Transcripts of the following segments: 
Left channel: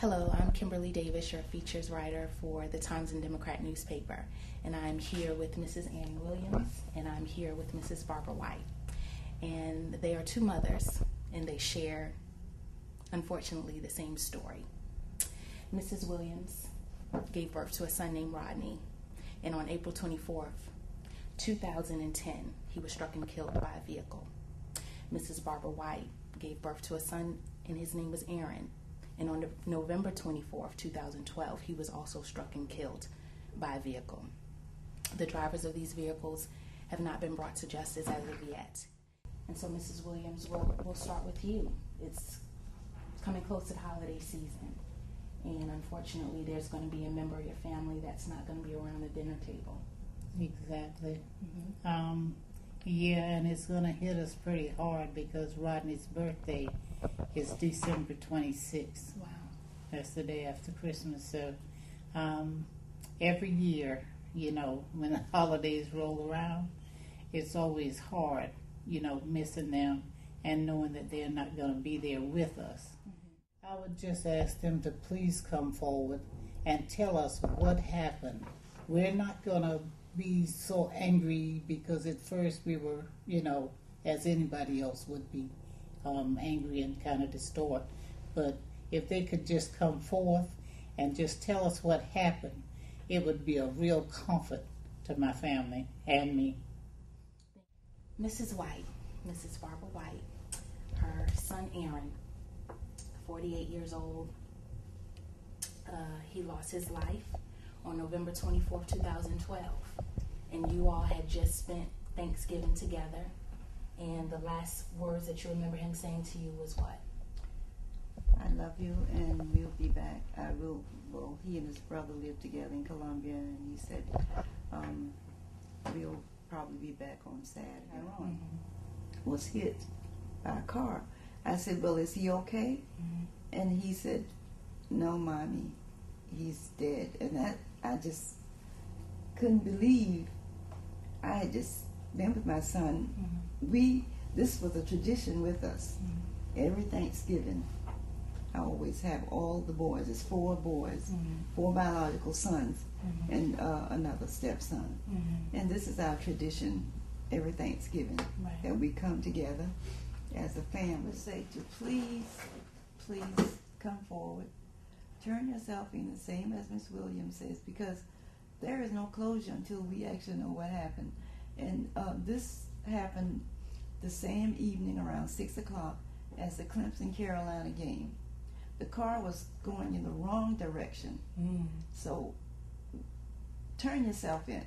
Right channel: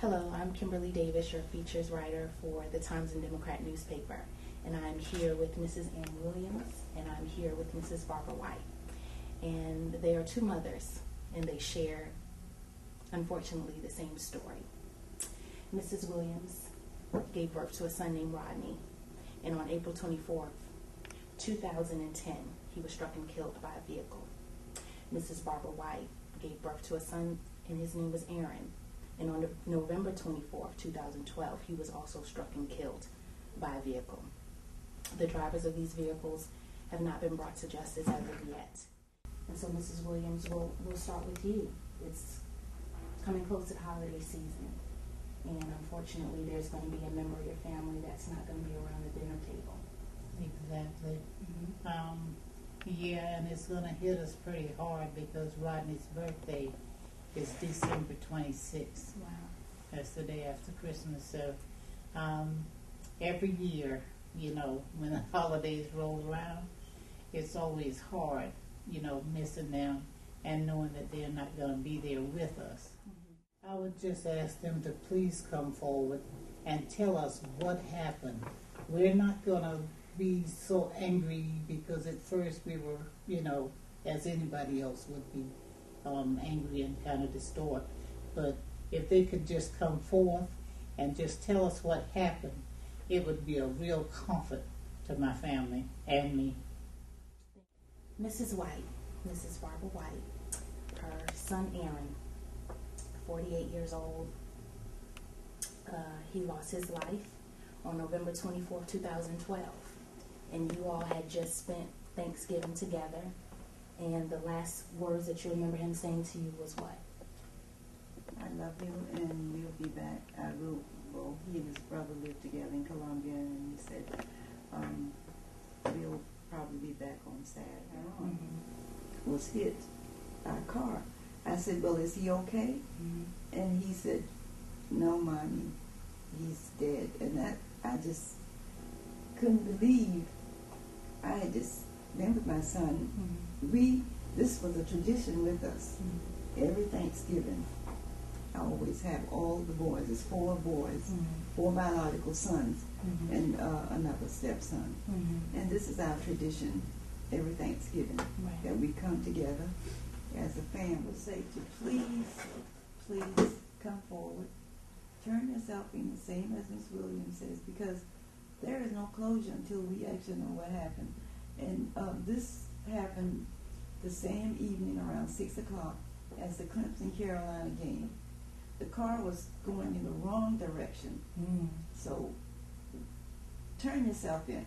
Hello, I'm Kimberlei Davis, your features writer for the Times and Democrat newspaper, and I'm here with Mrs. Ann Williams, and I'm here with Mrs. Barbara White. And they are two mothers, and they share, unfortunately, the same story. Mrs. Williams gave birth to a son named Rodney, and on April 24th, 2010, he was struck and killed by a vehicle. Mrs. Barbara White gave birth to a son, and his name was Aaron. And on November 24th, 2012, he was also struck and killed by a vehicle. The drivers of these vehicles have not been brought to justice as of yet. And so, Mrs. Williams, we'll start with you. It's coming close to the holiday season, and unfortunately, there's going to be a member of your family that's not going to be around the dinner table. Exactly. Mm-hmm. Yeah, and it's going to hit us pretty hard because Rodney's birthday is December 26th. Wow. That's the day after Christmas. So every year, when the holidays roll around, it's always hard, missing them and knowing that they're not going to be there with us. Mm-hmm. I would just ask them to please come forward and tell us what happened. We're not going to be so angry because at first we were, as anybody else would be, angry and kind of distort. But if they could just come forth and just tell us what happened, it would be a real comfort to my family and me. Mrs. White, Mrs. Barbara White, her son Aaron, 48 years old, he lost his life on November 24th, 2012. And you all had just spent Thanksgiving together. And the last words that you remember him saying to you was what? I love you and we'll be back. He and his brother lived together in Colombia, and he said, we'll probably be back on Saturday. Mm-hmm. Was hit by a car. I said, well, is he okay? Mm-hmm. And he said, no, Mommy, he's dead. And that, I just couldn't believe. I had just been with my son. Mm-hmm. This was a tradition with us. Mm-hmm. Every Thanksgiving, I always have all the boys. It's 4 boys, Mm-hmm. 4 biological sons, Mm-hmm. and another stepson. Mm-hmm. And this is our tradition every Thanksgiving, Right. that we come together as a family. Say to please come forward, turn yourself in, the same as Miss Williams says, because there is no closure until we actually know what happened. And this happened the same evening around 6 o'clock as the Clemson-Carolina game. The car was going in the wrong direction. So turn yourself in.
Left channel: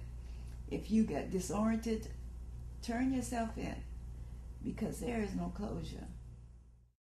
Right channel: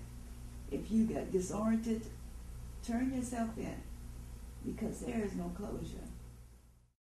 If you got disoriented, turn yourself in, because there is no closure.